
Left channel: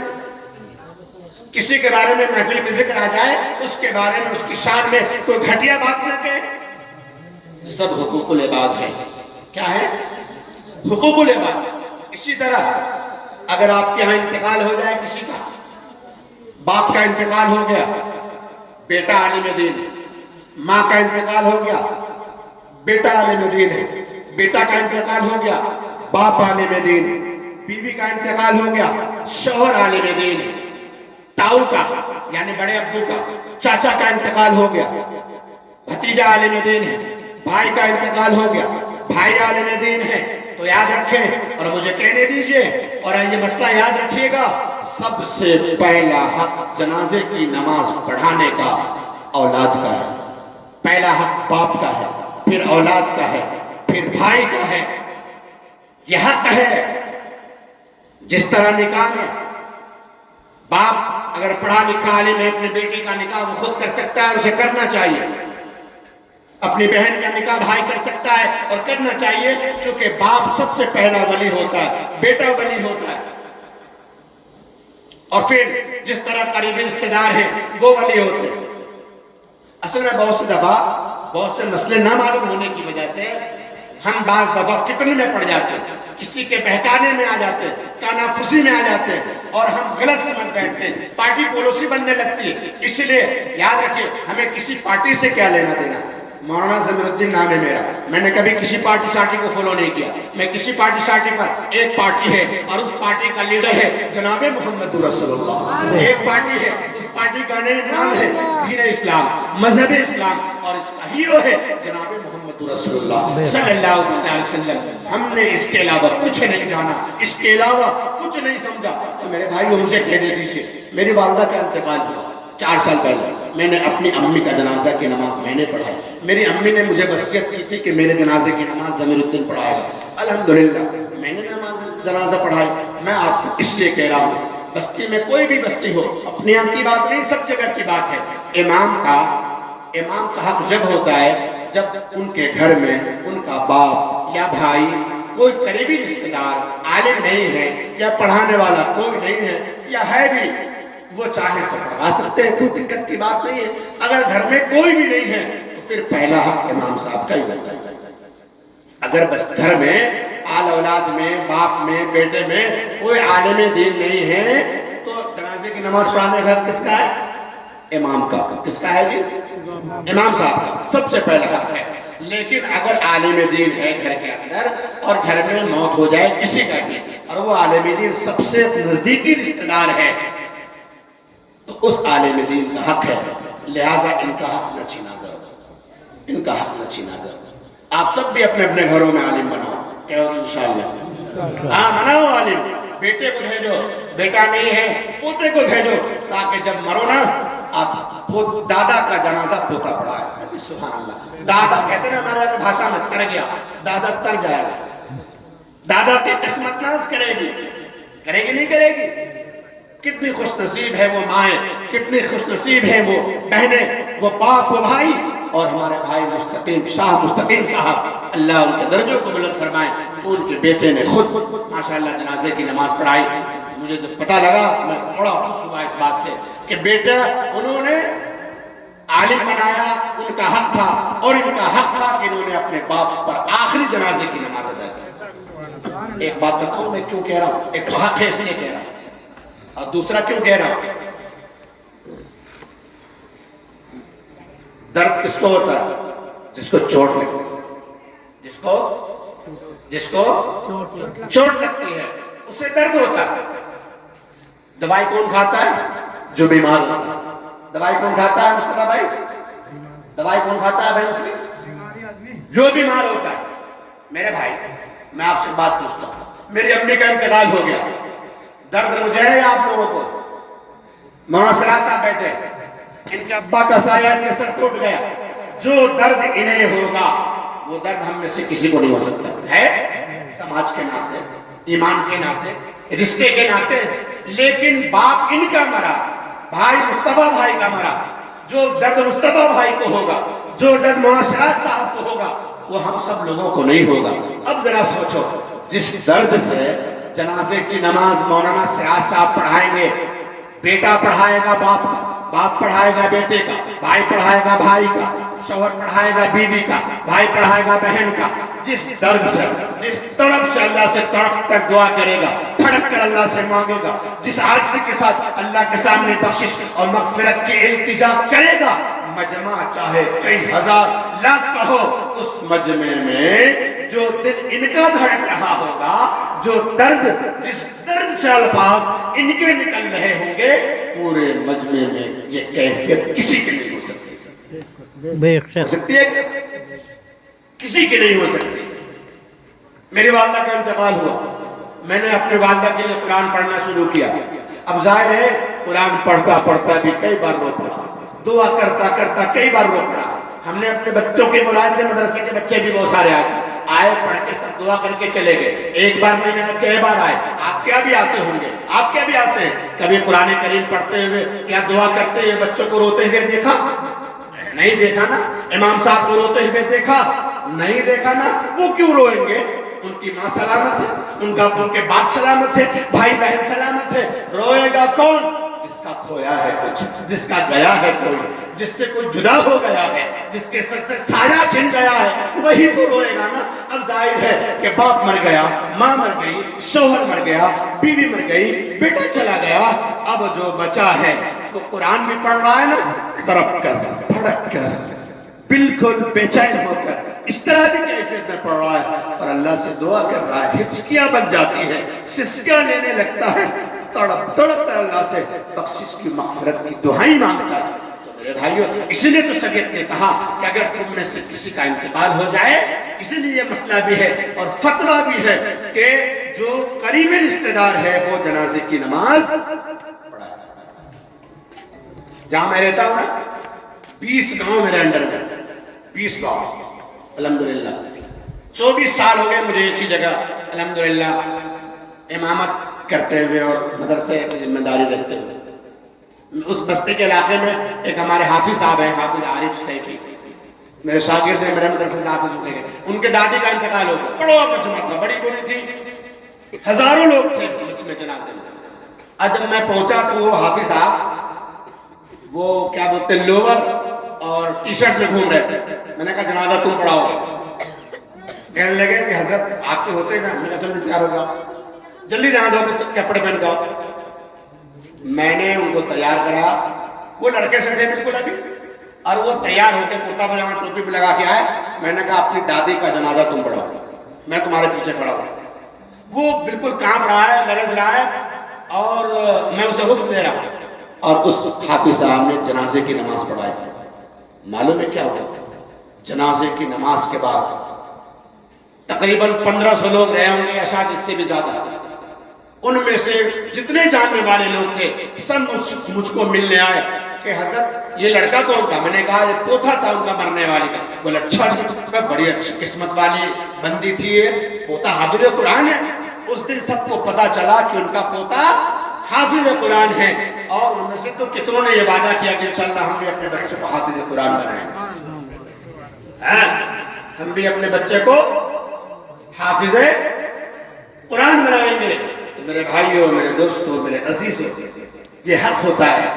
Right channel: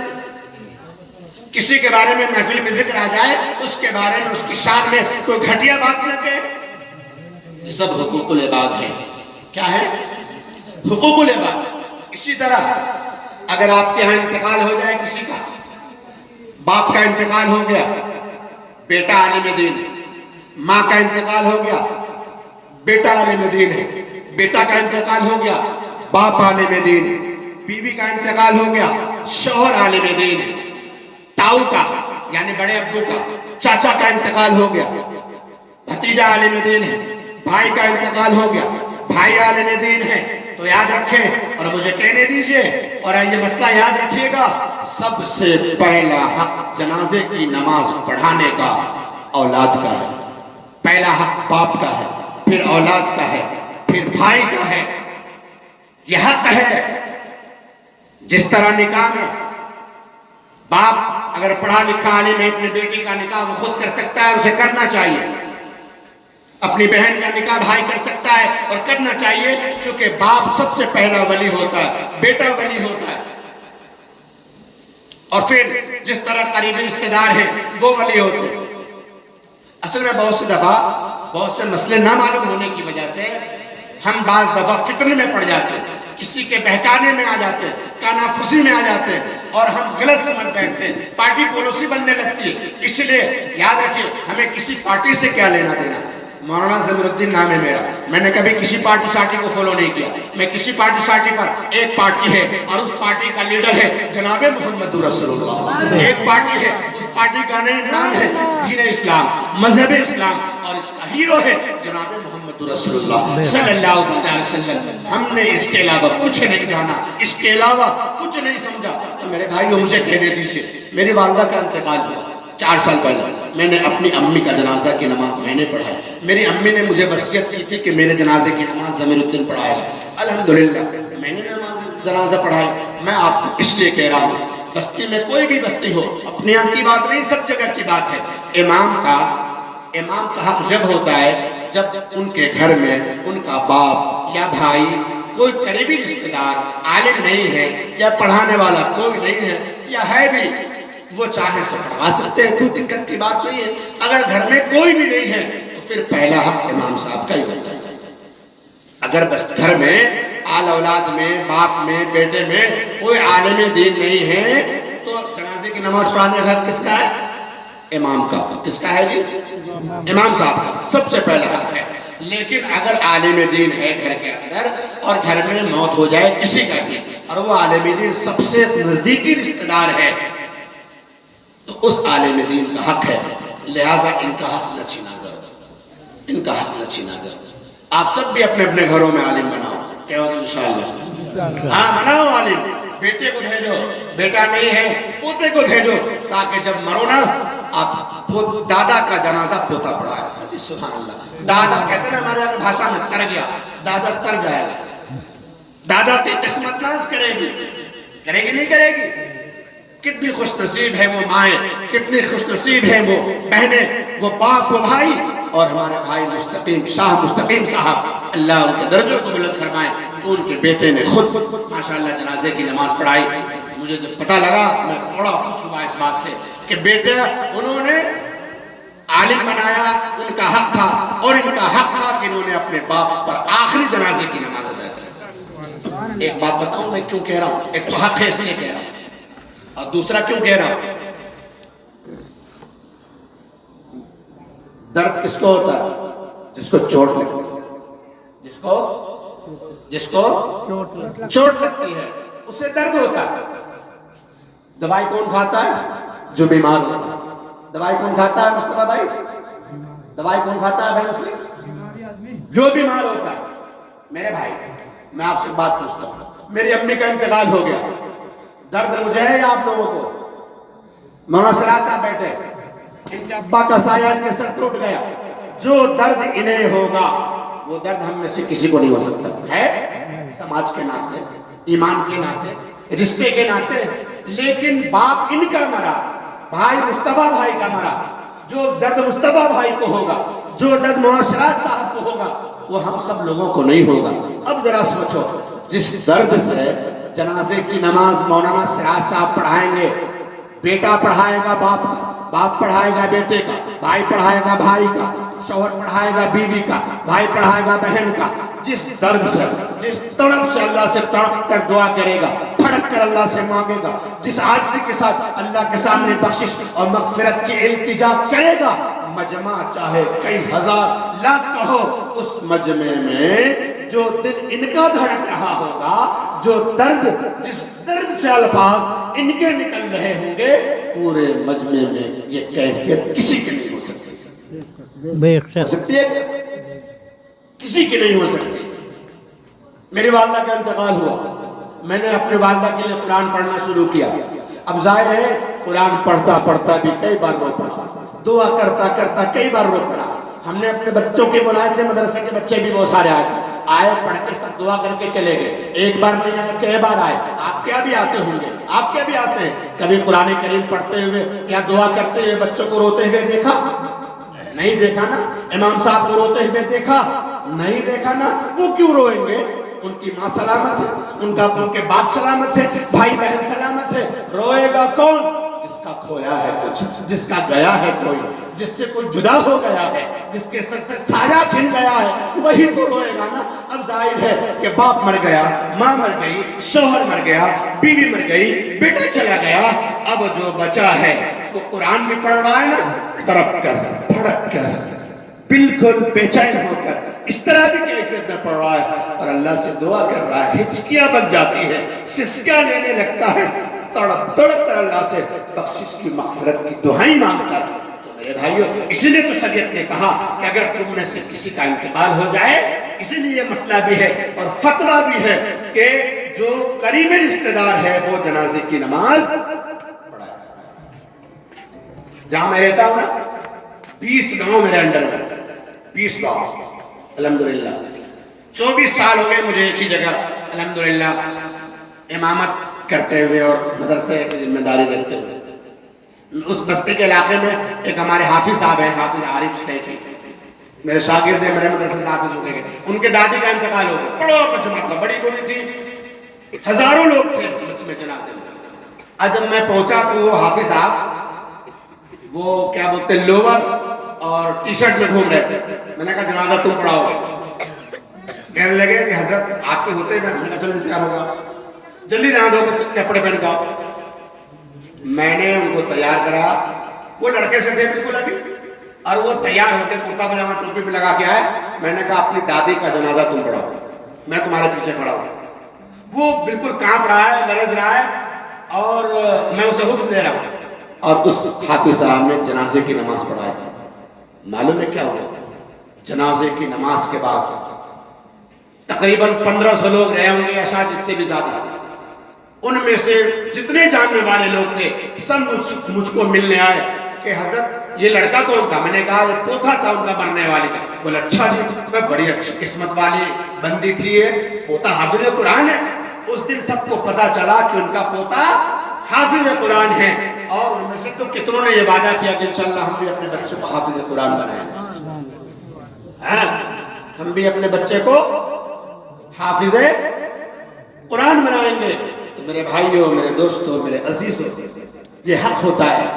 کسی کے بارے میں محفل میں ذکر آ جائے اس کے بارے میں، اس کی شان میں کوئی گھٹیا بات نہ کہے. یہ سب حقوق العباد ہیں. کیا ہے؟ حقوق العباد. اسی طرح اگر آپ کے ہاں انتقال ہو جائے کسی کا، باپ کا انتقال ہو گیا، بیٹا عالم دین، ماں کا انتقال ہو گیا، بیٹا عالم دین ہے، بیٹا کا انتقال ہو گیا، باپ عالم دین، بیوی کا انتقال ہو گیا، شوہر عالم دین، تاؤ کا یعنی بڑے ابو کا، چاچا کا انتقال ہو گیا، بھتیجا عالم دین ہے، بھائی کا انتقال ہو گیا، بھائی عالم دین ہے. تو یاد رکھیں اور مجھے کہنے دیجئے اور یہ مسئلہ یاد رکھیے گا، سب سے پہلا حق جنازے کی نماز پڑھانے کا اولاد کا ہے. پہلا حق باپ کا ہے، پھر اولاد کا ہے، پھر بھائی کا ہے. یہ حق ہے. جس طرح نکاح میں باپ اگر پڑھا لکھا عالم ہے، اپنی بیٹی کا نکاح وہ خود کر سکتا ہے، اسے کرنا چاہیے. اپنی بہن کا نکاح بھائی کر سکتا ہے اور کرنا چاہیے، چونکہ باپ سب سے پہلا ولی ہوتا ہے، بیٹا ولی ہوتا ہے. اور پھر جس طرح قریبی رشتہ دار ہیں وہ ولی ہوتے ہیں۔ اصل میں بہت سی دفعہ بہت سے مسئلے نہ معلوم ہونے کی وجہ سے ہم بعض دفعہ فتنے میں پڑ جاتے ہیں، کسی کے بہکانے میں آ جاتے ہیں، کانافوسی میں آ جاتے ہیں اور ہم غلط سمجھ بیٹھتے ہیں، پارٹی پالیسی بننے لگتی ہے۔ اس لیے یاد رکھیے ہمیں کسی پارٹی سے کیا لینا دینا۔ مولانا ضمیر الدین نام ہے میرا، میں نے کبھی کسی پارٹی شارٹی کو فالو نہیں کیا۔ میں کسی پارٹی شارٹی پر، ایک پارٹی ہے اور اس پارٹی کا لیڈر ہے جناب محمد رسول اللہ۔ ایک پارٹی ہے، اس پارٹی کا نام ہے دین اسلام، مذہب اسلام، اور اس کا ہیرو ہے جناب محمد رسول اللہ صلی اللہ علیہ وسلم۔ ہم نے اس کے علاوہ کچھ نہیں جانا، اس کے علاوہ کچھ نہیں سمجھا۔ تو میرے بھائیوں مجھے کہنے دیجیے، میری والدہ کا انتقال ہوا 4 سال پہلے، میں نے اپنی امی کا جنازہ کی نماز میں نے پڑھائی۔ میری امی نے مجھے وصیت کی تھی کہ میرے جنازے کی نماز ضمیر الدین پڑھائے گا۔ الحمدللہ میں نے جنازہ پڑھائی۔ میں آپ کو اس لیے کہہ رہا ہوں، بستی میں کوئی بھی بستی ہو، اپنے یہاں کی بات نہیں، سب جگہ کی بات ہے، امام کا حق جب ہوتا ہے جب ان کے گھر میں ان کا باپ یا بھائی، کوئی قریبی رشتہ دار عالم نہیں ہے یا پڑھانے والا کوئی نہیں ہے، یا ہے بھی وہ چاہے تو پڑھوا سکتے ہیں، کوئی دقت کی بات نہیں ہے۔ اگر گھر میں کوئی بھی نہیں ہے تو پھر پہلا حق امام صاحب کا ہی ہوتا ہے۔ اگر بس گھر میں آل اولاد میں، باپ میں، بیٹے میں کوئی عالم دین نہیں ہے تو جنازے کی نماز پڑھانے کا حق کس کا ہے؟ امام کا۔ کس کا ہے جی؟ امام صاحب کا سب سے پہلا حق ہے۔ لیکن اگر عالم دین ہے گھر کے اندر اور گھر میں موت ہو جائے کسی کا بھی، اور وہ عالم دین سب سے نزدیکی رشتہ دار ہے، تو اس عالم دین کا حق ہے، لہٰذا ان کا حق نہ چھینا کرو، ان کا حق نہ چھینا کرو۔ آپ سب بھی اپنے اپنے گھروں میں عالم بناؤ، کیا ہوگی انشاءاللہ؟ ہاں بناؤ عالم، بیٹے کو بھیجو، بیٹا نہیں ہے پوتے کو بھیجو، تاکہ جب مرو نا آپ دادا کا جنازہ پوتا پڑھائے۔ سبحان اللہ، دادا کہتے ہیں نا ہمارے یہاں بھاشا میں تر گیا، دادا تر جائے گا۔ دادا کی قسمت ناز کرے گی نہیں کرے گی؟ کتنی خوش نصیب ہے وہ مائیں، کتنی خوش نصیب ہے وہ بہنیں، وہ باپ، وہ بھائی، اور ہمارے بھائی شاہ مستقیم صاحب، اللہ ان کے درجوں کو بلند فرمائے، ان کے بیٹے نے خود ماشاءاللہ جنازے کی نماز پڑھائی۔ مجھے جب پتہ لگا میں بڑا خوش ہوا اس بات سے کہ بیٹا انہوں نے عالم بنایا، ان کا حق تھا، اور ان کا حق تھا کہ انہوں نے اپنے باپ پر آخری جنازے کی نماز ادا کی۔ ایک بات بتاؤں میں کیوں کہہ رہا ہوں؟ ایک تو حق ہے اس لیے کہہ رہا ہوں، اور دوسرا کیوں کہہ رہا ہوں؟ درد کس کو ہوتا ہے؟ جس کو چوٹ لگتی ہے، جس کو چوٹ لگتی ہے اسے درد ہوتا ہے۔ دوائی کون کھاتا ہے؟ جو بیمار ہوتا ہے۔ دوائی کون کھاتا ہے مصطفیٰ بھائی؟ دوائی کون کھاتا ہے بھائی مسلم؟ جو بیمار ہوتا ہے۔ میرے بھائی میں آپ سے بات پوچھتا ہوں، میری امی کا انتقال ہو گیا، درد مجھے ہے یا آپ لوگوں کو؟ مولانا سراج صاحب بیٹھے، ان کے ابا کا سایہ ان کے سر سے اٹھ گیا، جو درد انہیں ہوگا وہ درد ہم میں سے کسی کو نہیں ہو سکتا ہے، سماج کے ناطے، ایمان کے ناطے، رشتے کے ناطے۔ لیکن باپ ان کا مرا، بھائی مصطفیٰ بھائی کا مرا، جو درد مصطفیٰ بھائی کو ہوگا، جو درد مولانا سراج صاحب کو ہوگا، وہ ہم سب لوگوں کو نہیں ہوگا۔ اب ذرا سوچو، جس درد سے جنازے کی نماز مولانا سراج صاحب پڑھائیں گے، بیٹا پڑھائے گا باپ کا، باپ پڑھائے گا بیٹے کا، بھائی پڑھائے گا بھائی کا، شوہر پڑھائے گا بیوی کا، بھائی پڑھائے گا بہن کا، جس درد سے، جس تڑپ سے اللہ سے تڑپ کر دعا کرے گا، پھڑک کر اللہ سے مانگے گا، جس عاجزی کے ساتھ اللہ کے سامنے بخشش اور مغفرت کی التجا کرے گا، مجمع چاہے کئی ہزار لاکھ کا ہو، اس مجمع میں جو دل ان کا دھڑک رہا ہوگا، جو درد، جس درد سے الفاظ ان کے نکل رہے ہوں گے، پورے مجمع میں یہ کیفیت کسی کی نہیں ہو سکتی۔ ہو سکتی ہے؟ کسی کی نہیں ہو سکتی۔ میری والدہ کا انتقال ہوا، میں نے اپنی والدہ کے لیے قرآن پڑھنا شروع کیا۔ اب ظاہر ہے قرآن پڑھتا پڑھتا بھی کئی بار رو پڑا، دعا کرتا کرتا کئی بار رو پڑا۔ ہم نے اپنے بچوں کے بلائے تھے، مدرسے کے بچے بھی بہت سارے آئے، پڑھ کے سب دعا کر کے چلے گئے۔ ایک بار نہیں آئے، کئی بار آئے۔ آپ کیا بھی آتے ہوں گے، آپ کیا بھی آتے ہیں؟ کبھی قرآن کریم پڑھتے ہوئے یا دعا کرتے ہوئے بچوں کو روتے ہوئے دیکھا؟ نہیں دیکھا نا۔ امام صاحب کو روتے ہوئے دیکھا؟ نہیں دیکھا نا۔ وہ کیوں روئیں گے؟ ان کی ماں سلامت ہے، ان کے باپ سلامت ہے، بھائی بہن سلامت ہے، روئے گا کون؟ جس کا کھویا ہے کچھ، جس کا گیا ہے کوئی، جس سے کوئی جدا ہو گیا ہے، جس کے سر سے سایہ چھن گیا ہے، وہی تو روئے گا نا۔ اب ظاہر ہے کہ باپ مر گیا، ماں مر گئی، شوہر مر گیا، بیوی مر گئی، بیٹا چلا گیا، اب جو بچا ہے وہ قرآن بھی پڑھ رہا ہے نا، تڑپ کر، بھڑک کر، بالکل بے چین ہو کر، اس طرح بھی کیفیت میں پڑھ رہا ہے اور اللہ سے دعا کر رہا ہے، ہچکیاں بن جاتی ہیں، سسکیاں لینے لگتا ہے، تڑپ تڑپ کر اللہ سے بخشش کی مغفرت کی دعائیں مانگتا ہے۔ تو میرے بھائیو، اسی لیے تو شریعت نے کہا کہ اگر تم میں سے کسی کا انتقال ہو جائے، اسی لیے یہ مسئلہ بھی ہے اور فتویٰ بھی ہے کہ جو قریبی رشتہ دار ہے وہ جنازے کی نماز پڑھائے۔ جہاں میں رہتا ہوں نا، 20 گاؤں میرے انڈر میں، 20 گاؤں الحمدللہ، 24 سال ہو گئے مجھے ایک ہی جگہ الحمدللہ امامت کرتے ہوئے اور مدرسے کی ذمہ داری رکھتے ہوئے۔ اس بستی کے علاقے میں ایک ہمارے حافظ صاحب ہیں، حافظ عارف سیفی، میرے شاگرد ہیں، میرے مدرسے سے حافظ ہوئے گئے، ان کے دادی کا انتقال ہو گیا، بڑا مجمع تھا، بڑی بڑی تھی، ہزاروں لوگ تھے مجھ میں جنازے میں۔ آج جب میں پہنچا تو وہ حافظ صاحب وہ کیا بولتے ہیں، لوور اور ٹی شرٹ میں گھوم رہے تھے۔ میں نے کہا جنازہ تم پڑھاؤ گے؟ کہنے لگے کہ حضرت آپ کے ہوتے ہیں۔ میں نے کہا جلدی تیار ہوگا، جلدی نہا دھو کے کپڑے پہن کے آؤ۔ میں نے ان کو تیار کرا، وہ لڑکے سے تھے بالکل ابھی، اور وہ تیار ہو کے کرتا پجامہ ٹوپی بھی لگا کے آئے۔ میں نے کہا اپنی دادی کا جنازہ تم پڑھاؤ، میں تمہارے پیچھے کھڑا ہوں۔ وہ بالکل کانپ رہا ہے، لرز رہا ہے، اور میں اسے حکم دے رہا ہوں، اور اس حافظ صاحب نے جنازے کی نماز پڑھائی۔ معلوم ہے کیا ہوا؟ جنازے کی نماز کے بعد تقریباً 1500 لوگ رہے ہوں گے یا شاید اس سے بھی زیادہ، ان میں سے جتنے جاننے والے لوگ تھے سب مجھ کو ملنے آئے کہ حضرت یہ لڑکا کون تھا؟ میں نے کہا یہ پوتا تھا ان کا مرنے والے کا۔ بولے اچھا جی، میں بڑی اچھی قسمت والی بندی تھی، یہ پوتا حافظ قرآن ہے۔ اس دن سب کو پتا چلا کہ ان کا پوتا حافظ قرآن ہے، اور ان میں سے تو کتنوں نے یہ وعدہ کیا کہ انشاءاللہ ہم بھی اپنے بچوں کو حافظ قرآن بنائیں گے، ہم بھی اپنے بچے کو حافظ قرآن بنائیں گے۔ تو میرے بھائیوں، میرے دوستوں، میرے عزیزوں، یہ حق ہوتا ہے۔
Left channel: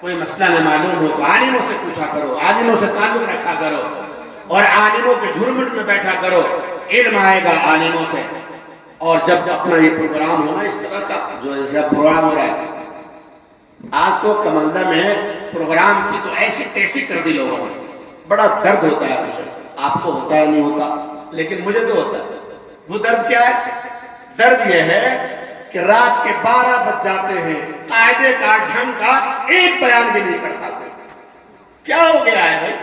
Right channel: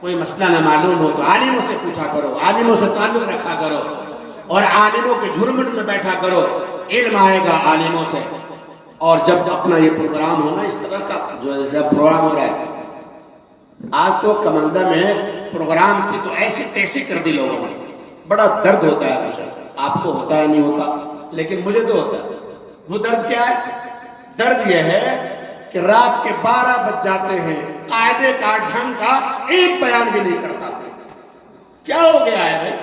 کوئی مسئلہ نہ معلوم ہو تو عالموں سے پوچھا کرو، عالموں سے تعلق رکھا کرو، اور عالموں کے جھرمٹ میں بیٹھا کرو، علم آئے گا عالموں سے۔ اور جب اپنا یہ پروگرام ہونا اس طرح کا جو ایسا پروگرام ہو رہا ہے، آج تو کمندہ میں پروگرام کی تو ایسی تیسی کر دی لوگوں نے، بڑا درد ہوتا ہے مجھے، آپ کو ہوتا ہے نہیں ہوتا، لیکن مجھے تو ہوتا ہے۔ وہ درد کیا ہے؟ درد یہ ہے کہ رات کے 12 بج جاتے ہیں، قاعدے کا ڈھنگ کا ایک بیان بھی نہیں کرتا۔ کیا ہو گیا ہے بھائی؟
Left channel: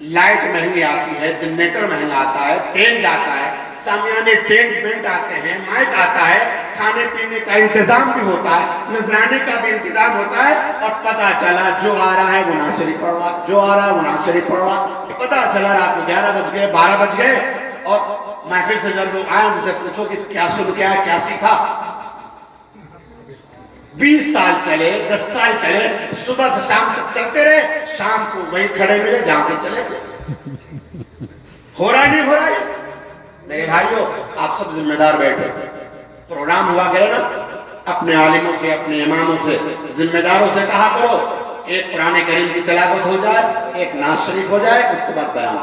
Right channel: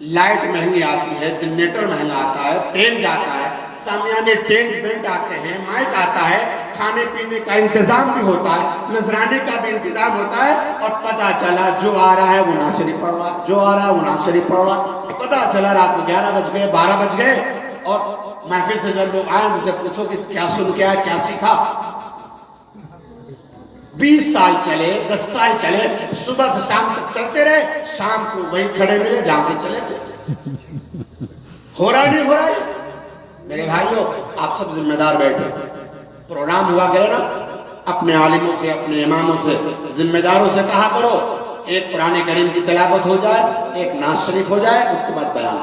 لائٹ مہنگی آتی ہے، جنریٹر مہنگا آتا ہے، تیل جاتا ہے، سامیانے ٹینٹ بینٹ آتے ہیں، مائک آتا ہے، کھانے پینے کا انتظام بھی ہوتا ہے، نذرانے کا بھی انتظام ہوتا ہے، اور پتا چلا جو آ رہا ہے وہ نعت شریف پڑھ رہا، جو آ رہا ہے وہ نعت شریف پڑھ رہا۔ پتا چلا رات کو 11 بج گئے، 12 بج گئے، اور محفل سے جب لوگ آئے مجھے پوچھو کہ کیا سن کے آئے، کیا سیکھا؟ 20 سال چلے، 10 سال چلے، صبح سے شام تک چلتے رہے، شام کو وہیں کھڑے ملے جہاں سے چلے تھے۔ ہو رہا نہیں ہو رہا ہے؟ میرے بھائیوں، آپ سب ذمہ دار بیٹھے، پروگرام ہوا کرے نا، اپنے عالموں سے، اپنے اماموں سے، ذمہ داروں سے کہا کرو، ایک قرآن کریم کی تلاوت ہو جائے، ایک نعت شریف ہو جائے، اس کے بعد بیان۔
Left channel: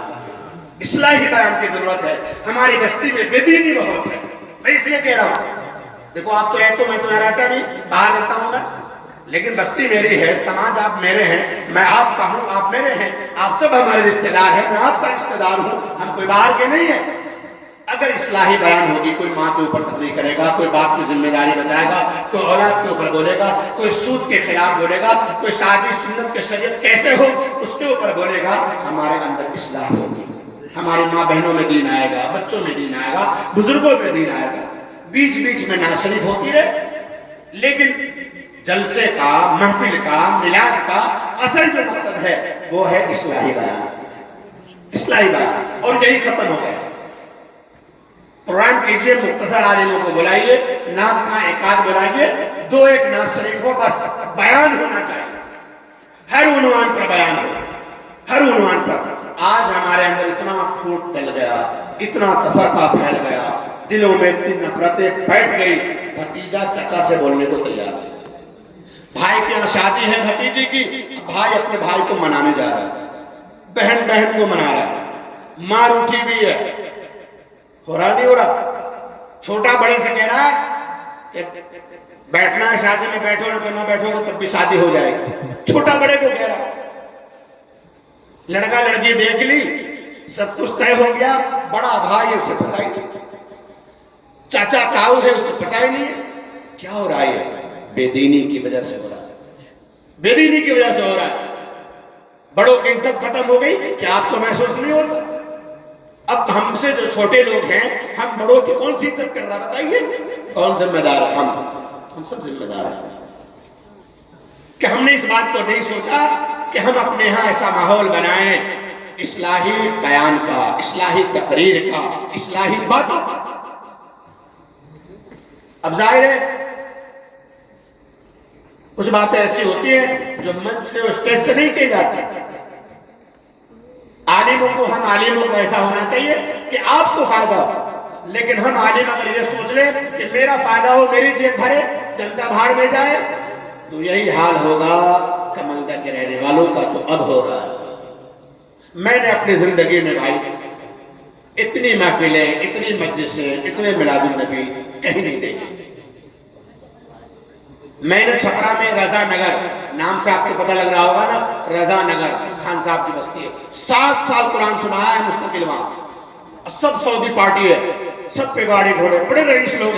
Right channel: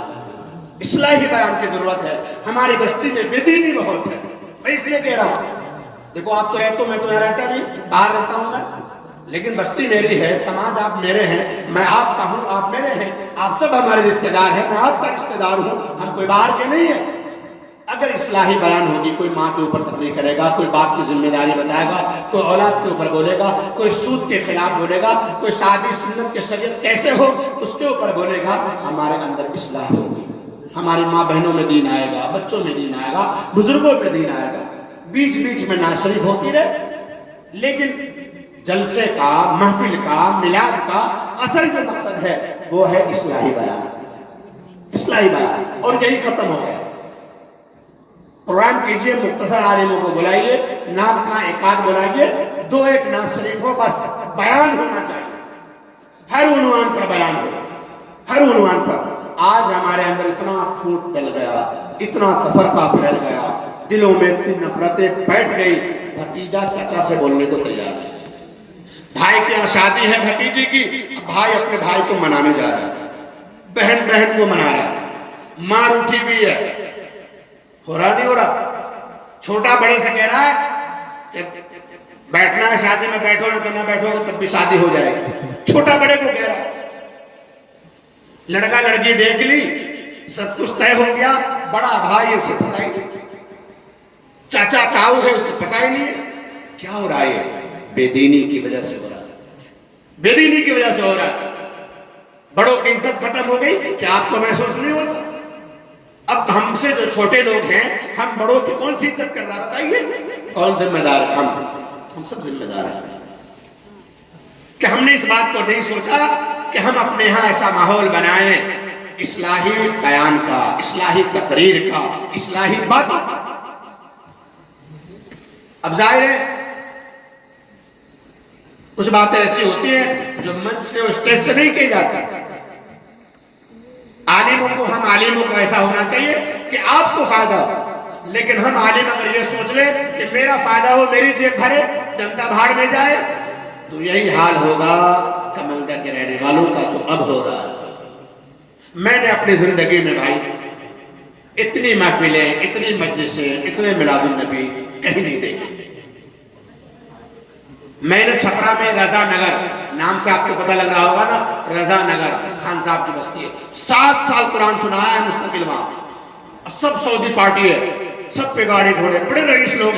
اصلاحی بیان کی ضرورت ہے۔ ہماری بستی میں بے دینی بہت ہے، میں اس لیے کہہ رہا ہوں۔ دیکھو آپ تو رہتے ہو، میں تو یہاں رہتا نہیں، باہر رہتا ہوں میں، لیکن بستی میری ہے، سماج آپ میرے ہیں، میں آپ کا ہوں، آپ میرے ہیں، آپ سب ہمارے رشتہ دار ہیں، میں آپ کا رشتہ دار ہوں، ہم کوئی باہر کے نہیں ہیں۔ اگر اصلاحی بیان ہوگی، کوئی ماں کے اوپر تقریر کرے گا، کوئی باپ کی ذمہ داری بتائے گا، کوئی اولاد کے اوپر بولے گا، کوئی سود کے خلاف بولے گا، کوئی شادی سنت کے شریعت کیسے ہو اس کے اوپر بولے گا، ہمارے اندر اصلاح ہوگی، ہماری ماں بہنوں میں دین آئے گا، بچوں میں دین آئے گا، بزرگوں میں دین آئے گا۔ بیچ بیچ میں نعت شریف ہوتی رہے، لیکن جلسے کا، محفل کا، میلاد کا اصل جو مقصد ہے وہ ہے اصلاحی بیان، اصلاحی بیان، اور یہی ختم ہو گیا۔ پروگرام کیجئے، مختصر عالموں کو بلائیے، نعت خواں ایک آدھ بلائیے، 2-1 نعت شریف ہو، بس بیان ہونا چاہیے، ہر عنوان پر بیان ہو، ہر عنوان پر۔ آج ہمارے اندر اتنا پھوٹ ڈل گیا، اتنا تفرقہ پھیل گیا، دلوں میں اتنی نفرتیں بیٹھ گئی، بھتیجا چچا سے بولنے کو تیار ہے۔ بھائی کے یہاں شادی ہے بھتیجی کی، اب بھائی اپنے بھائی کو منانے جا رہا ہے، بہن بہن کو منا رہا ہے، ماں روٹھی بھی ہے، ہو رہا نہیں ہو رہا؟ چھوٹا بڑے سے کہہ رہا ہے کہ بیٹھنا ہے شادی میں، بیٹھو نہ تو نہ بیٹھو گے تب بھی شادی ہو جائے گی، چھوٹا بڑے کو کہہ رہا ہے۔ لڑکا لڑکی دیکھ لی، سب کچھ طے ہو گیا، بڑا بھائی ہے اسے پتہ ہی نہیں، چاچا تاؤ ہے اسے پتہ ہی نہیں، کیا ہو رہا ہے؟ بے دینی کی وجہ سے ہو رہا ہے، بے دینی کی وجہ سے ہو رہا ہے۔ بڑوں کی عزت ختم ہو گئی، کیا آپ کو محسوس نہیں ہوتا؟ اب ہم سے جو چھوٹے لوگ ہیں، ہم بڑوں کی کون سی عزت کر رہا ہے بتائیے؟ کون ذمہ دار ہے؟ ہم سب ذمہ دار ہیں کہ ہم نے اس بات کو نہیں سوچا کہ ہم اپنے ہاں ایسا ماحول بنائیں اصلاحی بیان کا، اصلاحی تقریر کا، اصلاحی باتوں کا۔ اب ظاہر ہے کچھ باتیں ایسی ہوتی ہیں جو منچ سے اور اسٹیج سے نہیں کی جاتی۔ عالموں کو، ہم عالموں کو ایسا ہونا چاہیے کہ آپ کو فائدہ ہو، لیکن ہم عالم اگر یہ سوچ لیں کہ میرا فائدہ ہو، میری جیب بھرے، جنتا بھاڑ میں جائے، تو یہی حال ہوگا کمندر کے رہنے والوں کا جو اب ہو رہا ہے۔ میں نے اپنی زندگی میں بھائی اتنی محفلیں، اتنی مجلسیں، اتنے میلاد النبی کہیں نہیں دیکھے۔ میں نے چھپرا میں رضا نگر نام سے آپ کو پتہ لگ رہا ہوگا نا، رضا نگر خان صاحب کی بستی ہے، 7 سال قرآن سنایا ہے مستقل وہاں، سب سعودی پارٹی ہے، سب پہ گاڑی گھوڑے، بڑے رئیس لوگ